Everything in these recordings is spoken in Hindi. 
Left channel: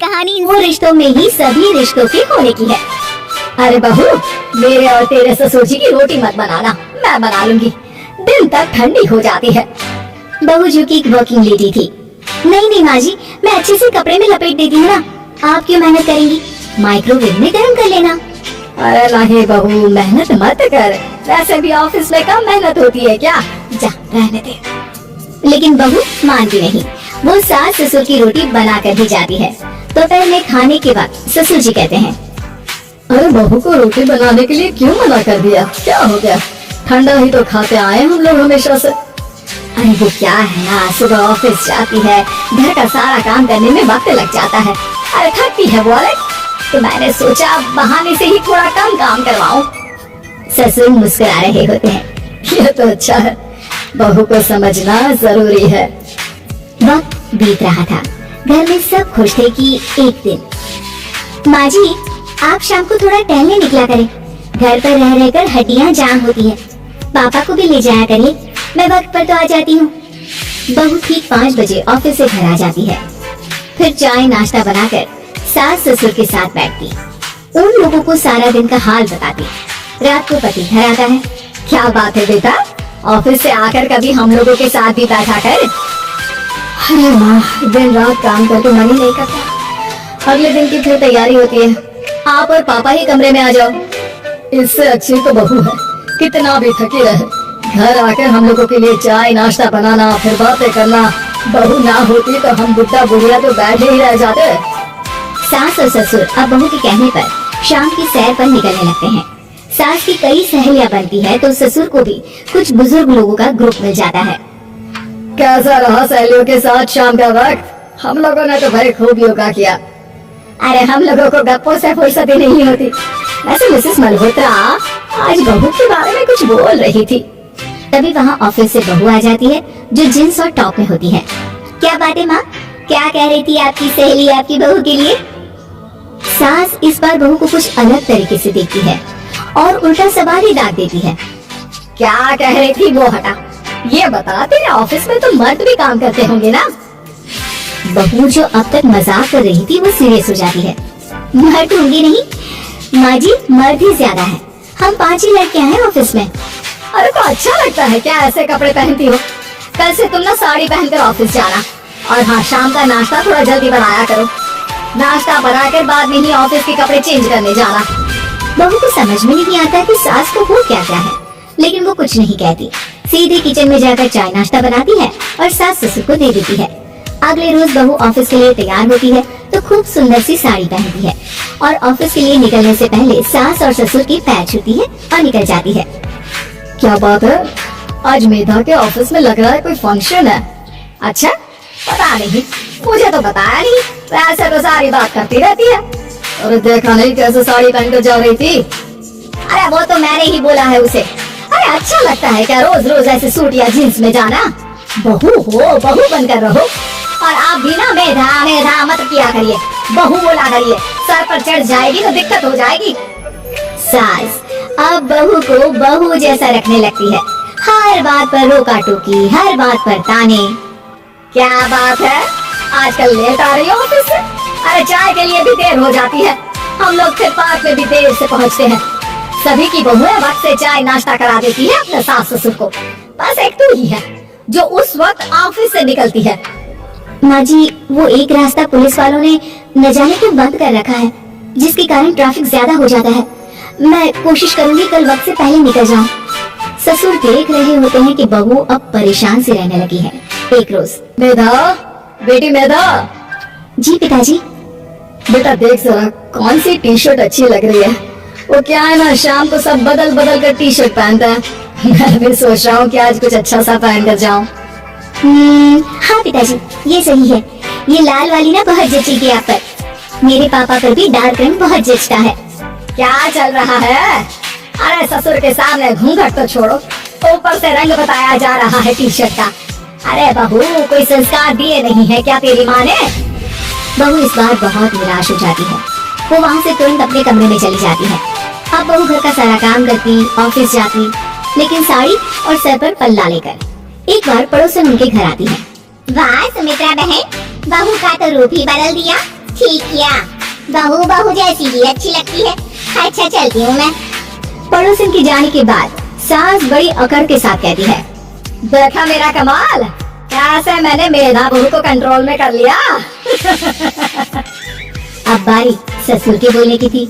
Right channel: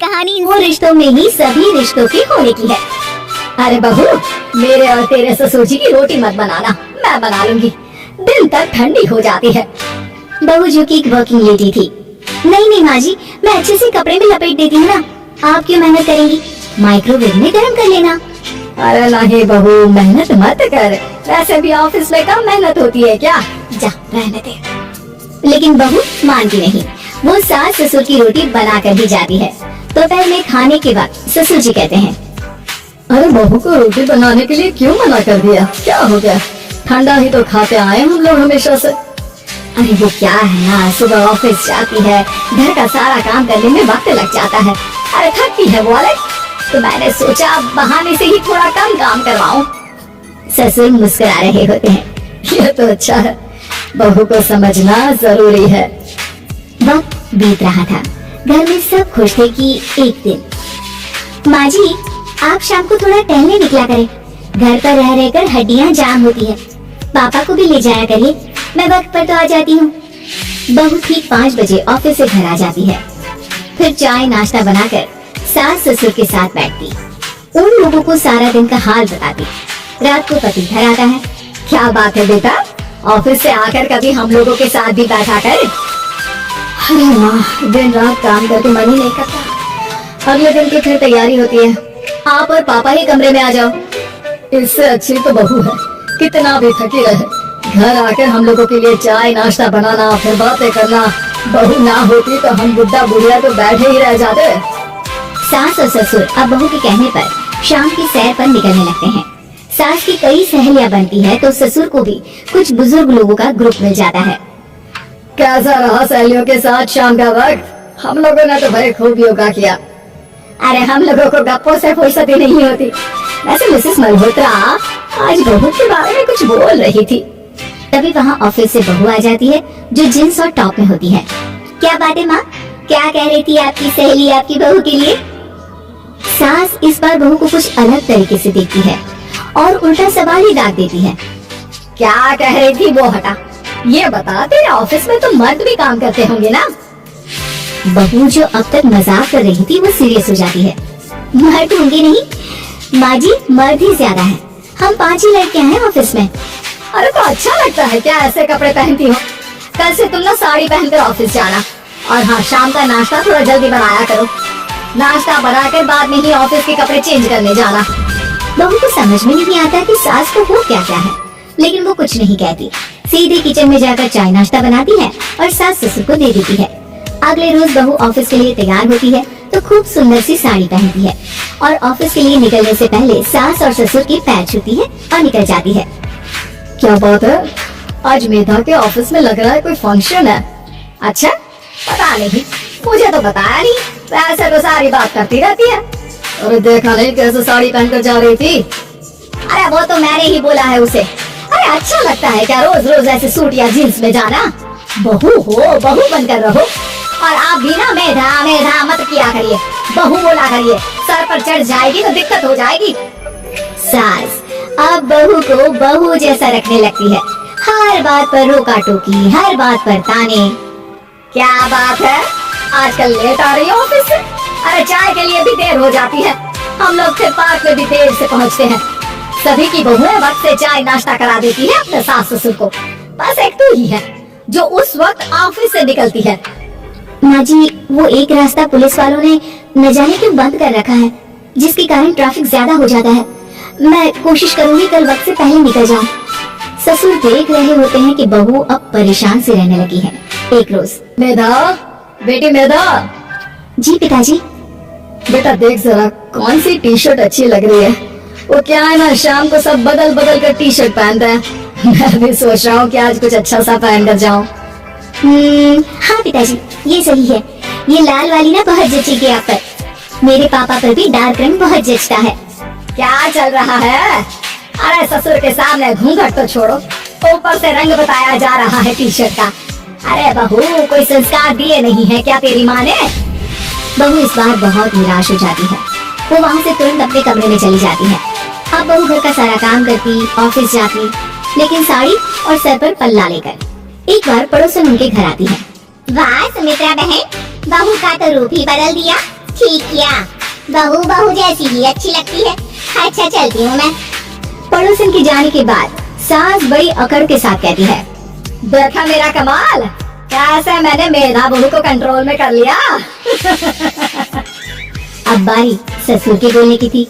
कहानी वो रिश्तों में ही सभी रिश्तों के होने की है। अरे बहू, मेरे और तेरे ससुर जी की रोटी मत बनाना, मैं बना लूंगी, दिन तक ठंडी हो जाती है। बहू जो की एक वर्किंग लेडी थी। नहीं नहीं माँ जी, मैं अच्छे से कपड़े में लपेट देती हूँ ना, आप क्यों मेहनत करेंगी, माइक्रोवेव में गर्म कर लेना। अरे नहीं बहू, मेहनत मत कर, वैसे भी ऑफिस में कम मेहनत होती है क्या, जा रहने दे। लेकिन बहू मानती नहीं, वो सास ससुर की रोटी बना कर ही जाती है। दोपहर में खाने के बाद ससुर जी कहते हैं, अरे बहू को रोटी बनाने के लिए क्यों मना कर दिया, क्या हो गया, ठंडा ही तो खाते आए हम लोग हमेशा से। अरे वो क्या है ना, सुबह ऑफिस जाती है, घर का सारा काम करने में वक्त लग जाता है, अरे थकती है वो अलग, तो मैंने सोचा बहाने से ही थोड़ा कम काम करवाऊं। ससुर मुस्कुरा रहे होते हैं। ये तो अच्छा है, बहू को समझना जरूरी है। वक्त बीत रहा था, घर में सब खुश थे कि एक दिन, माँ जी आप शाम को थोड़ा टहलने निकला करें, घर पर रह रहकर हड्डियाँ जाम होती है, पापा को भी ले जाया करिए, मैं वक्त पर तो आ जाती हूँ। बहू ठीक 5 बजे ऑफिस से घर आ जाती है। फिर चाय नाश्ता बनाकर सास ससुर के साथ बैठती, उन लोगों को सारा दिन का हाल बताती। रात को पति घर आता है। क्या बात है बेटा, ऑफिस से आकर कभी हम लोगों के साथ भी बैठा कर। अरे वाह, दिन रात काम करके मन ही नहीं करता, अगले दिन की फिर तैयारी होती है, आप और पापा ही कमरे में आ जाओ। इससे अच्छी तो बहू है, कितना भी थकी रहे, घर आकर हम लोगों के लिए चाय नाश्ता बनाना, फिर बातें करना। बहू ना होती तो हम बुढ़ा बुढ़िया तो बैठे ही रह जाते। सास और ससुर अब बहू के कहने पर शाम की सैर पर निकलने लगते हैं। सास की कई सहेलियां बनती है तो ससुर को भी कुछ बुजुर्ग लोगों का ग्रुप मिल जाता है। कैसा रहा सहेलियों के साथ शाम का वक्त, हम लोगों ने तो भाई खूब योगा किया। अरे हम लोगों को गप्पों से फुर्सत ही नहीं होती। वैसे मिसेस मल्होत्रा आज बहू के बारे में कुछ बोल रही थी। तभी वहाँ ऑफिस से बहू आ जाती है जो जींस और टॉप में होती है। क्या बात है माँ, क्या कह रही थी आपकी सहेली आपकी बहू के लिए। सास इस बार बहू को कुछ अलग तरीके से देखती है और उल्टा सवाल ही डाल देती है। क्या कह रही थी वो हटा, ये बता, तेरे ऑफिस में तो मर्द भी काम करते होंगे ना। बहू जो अब तक मजाक कर रही थी वो सीरियस हो जाती है। मर्द होंगे नहीं माँ जी, मर्द ही ज्यादा है, हम 5 ही लड़कियां हैं ऑफिस में। अरे तो अच्छा लगता है क्या ऐसे कपड़े पहनती हो, कल से तुम ना साड़ी पहनकर ऑफिस जाना, और हाँ शाम का नाश्ता थोड़ा जल्दी बनाया करो, नाश्ता बनाकर बाद में ही ऑफिस के कपड़े चेंज करने जाना। बहू को समझ में नहीं आता कि सास को हो क्या क्या है, लेकिन वो कुछ नहीं कहती, सीधे किचन में जाकर चाय नाश्ता बनाती है और सास ससुर को दे देती है। अगले रोज बहू ऑफिस के लिए तैयार होती है तो खूब सुंदर सी साड़ी पहनती है और ऑफिस के लिए निकलने से पहले सास और ससुर के पैर छूती है और निकल जाती है। क्या बात है, आज मेधा के ऑफिस में लग रहा है कोई फंक्शन है। अच्छा, पता नहीं, मुझे तो बताया नहीं, वैसे तो सारी बात करती रहती है। अरे देखा नहीं कैसे साड़ी पहनकर जा रही थी। अरे वो तो मैंने ही बोला है उसे। अरे अच्छा लगता है क्या रोज रोज ऐसे सूट या जींस में जाना, बहू हो बहू बनकर रहो। और आप भी ना मेधा मेधा मत किया करिए, बहू बोला करिए, सर पर चढ़ जाएगी तो दिक्कत हो जाएगी। सास अब बहू को बहू जैसा रखने लगती है, हर बात पर रोका टोकी, हर बात पर ताने। क्या बात है, आजकल लेट आ रही है ऑफिस से। अरे चाय के लिए भी देर हो जाती है, हम लोग फिर पार्क में भी देर से पहुंचते हैं। सभी की बहुएं वक्त से चाय नाश्ता करा देती है अपने सास ससुर को, बस एक तू ही है जो उस वक्त ऑफिस से निकलती है। माँ जी वो एक रास्ता पुलिस वालों ने न जाने क्यों बंद कर रखा है, जिसके कारण ट्रैफिक ज्यादा हो जाता है। मैं कोशिश करूंगी कल वक्त से पहले निकल जाऊं। ससुर देख रहे होते हैं कि बहू अब परेशान सी रहने लगी है। एक रोज, मेधा बेटी मेधा। जी पिताजी। बेटा देख जरा कौन सी टी शर्ट अच्छी लग रही है। वो क्या है ना, शाम को सब बदल बदल कर टी शर्ट पहनता है, मैं भी सोच रहा हूँ कि आज कुछ अच्छा सा पहन कर जाऊँ। हाँ पिताजी ये सही है, ये लाल वाली ना बहुत जचेगी आप पर, मेरे पापा पर भी डार्क रंग बहुत जचता है। क्या चल रहा है, अरे ससुर के सामने घूंघट तो छोड़ो, ऊपर से रंग बताया जा रहा है टी शर्ट का। अरे बहू कोई संस्कार दिए नहीं है क्या तेरी माँ ने। बहू इस बार बहुत निराश हो जाती है, वो वहाँ से तुरंत अपने कमरे में चली जाती है। अब बहू घर का सारा काम करती, ऑफिस जाती, लेकिन साड़ी और सर पर पल्ला लेकर। एक बार पड़ोसन उनके घर आती है। वाह सुमित्रा बहन, बहू का तो रूप ही बदल दिया, ठीक किया, बहू बहू जैसी ही अच्छी लगती है। अच्छा चलती हूँ मैं। पड़ोसन की जाने के बाद सास बड़ी अकड़ के साथ कहती है, देखा मेरा कमाल, कैसे मैंने मेधा बहू को कंट्रोल में कर लिया। अब बारी ससुर के बोलने की थी।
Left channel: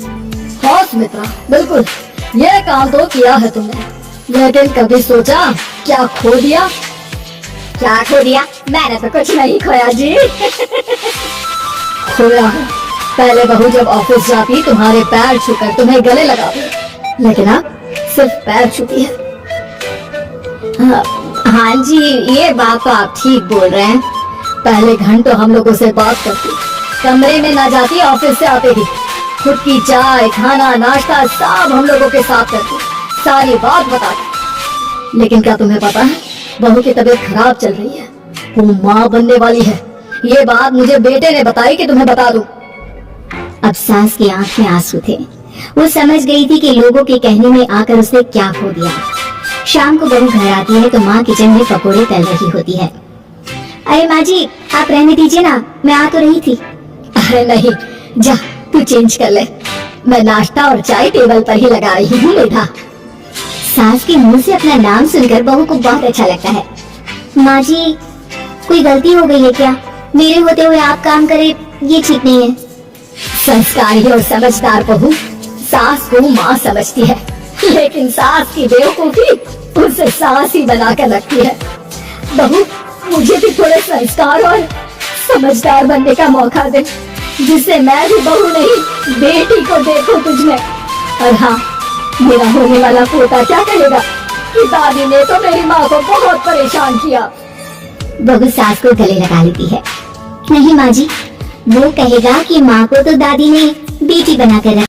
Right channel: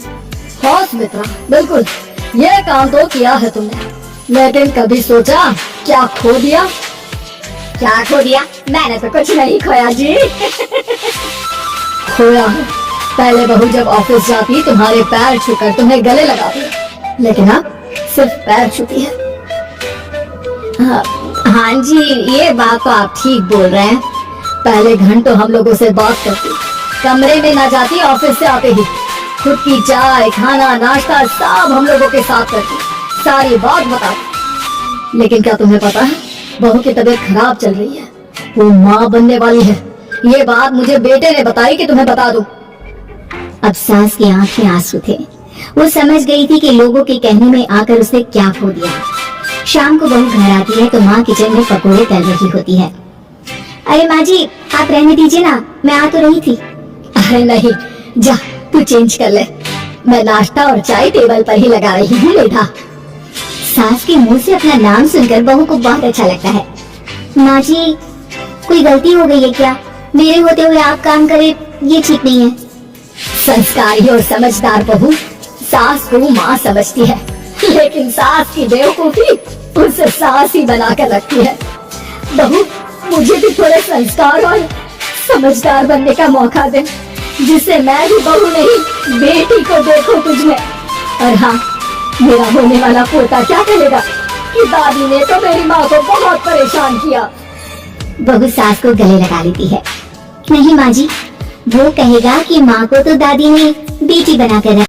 हाँ सुमित्रा, बिल्कुल ये काम तो किया है तुमने, लेकिन कभी सोचा क्या खो दिया? क्या खो दिया? मैंने तो कुछ नहीं खोया जी। खोया है। पहले बहू जब ऑफिस जाती तुम्हारे पैर छूकर तुम्हें गले लगाती, लेकिन अब सिर्फ पैर छूती है। हाँ जी, ये बात तो आप ठीक बोल रहे हैं। पहले घंटों हम लोगों से बात करती, कमरे में ना जाती, ऑफिस से आते ही खुद की चाय, खाना, नाश्ता सब हम लोगों के साथ करती, सारी बात बताती। लेकिन क्या तुम्हें पता है, बहू की तबीयत खराब चल रही है, वो माँ बनने वाली है। ये बात मुझे बेटे ने बताई कि तुम्हें बता दूं। अब सास की आंख में आंसू थे। वो समझ गई थी कि लोगों के कहने में आकर उसने क्या खो दिया। शाम को बहू घर आती है तो माँ किचन में पकोड़े तल रही होती है। अरे माँ जी, आप रहने दीजिए ना, मैं आ तो रही थी। अरे नहीं, जा तू चेंज कर ले, मैं नाश्ता और चाय टेबल पर ही लगा रही हूँ मेधा। सास के मुंह से अपना नाम सुनकर बहू को बहुत अच्छा लगता है। माँ जी, कोई गलती हो गई है क्या? मेरे होते हुए आप काम करे, ये ठीक नहीं है। संस्कारी और समझदार बहू सास को माँ समझती है, लेकिन सास की बेवकूफी उसे सास ही बनाकर रखती है। बहू, मुझे भी थोड़े संस्कार और समझदार बनने का मौका दे, जिससे मैं भी बहू नहीं बेटी को देखूं तुझमें। और हाँ, मेरा होने वाला पोता क्या कहेगा कि दादी ने तो मेरी माँ को बहुत परेशान किया। बहू सास को गले लगा लेती है। नहीं माँ जी, वो कहेगा कि माँ को तो दादी ने बेटी बनाकर रखा।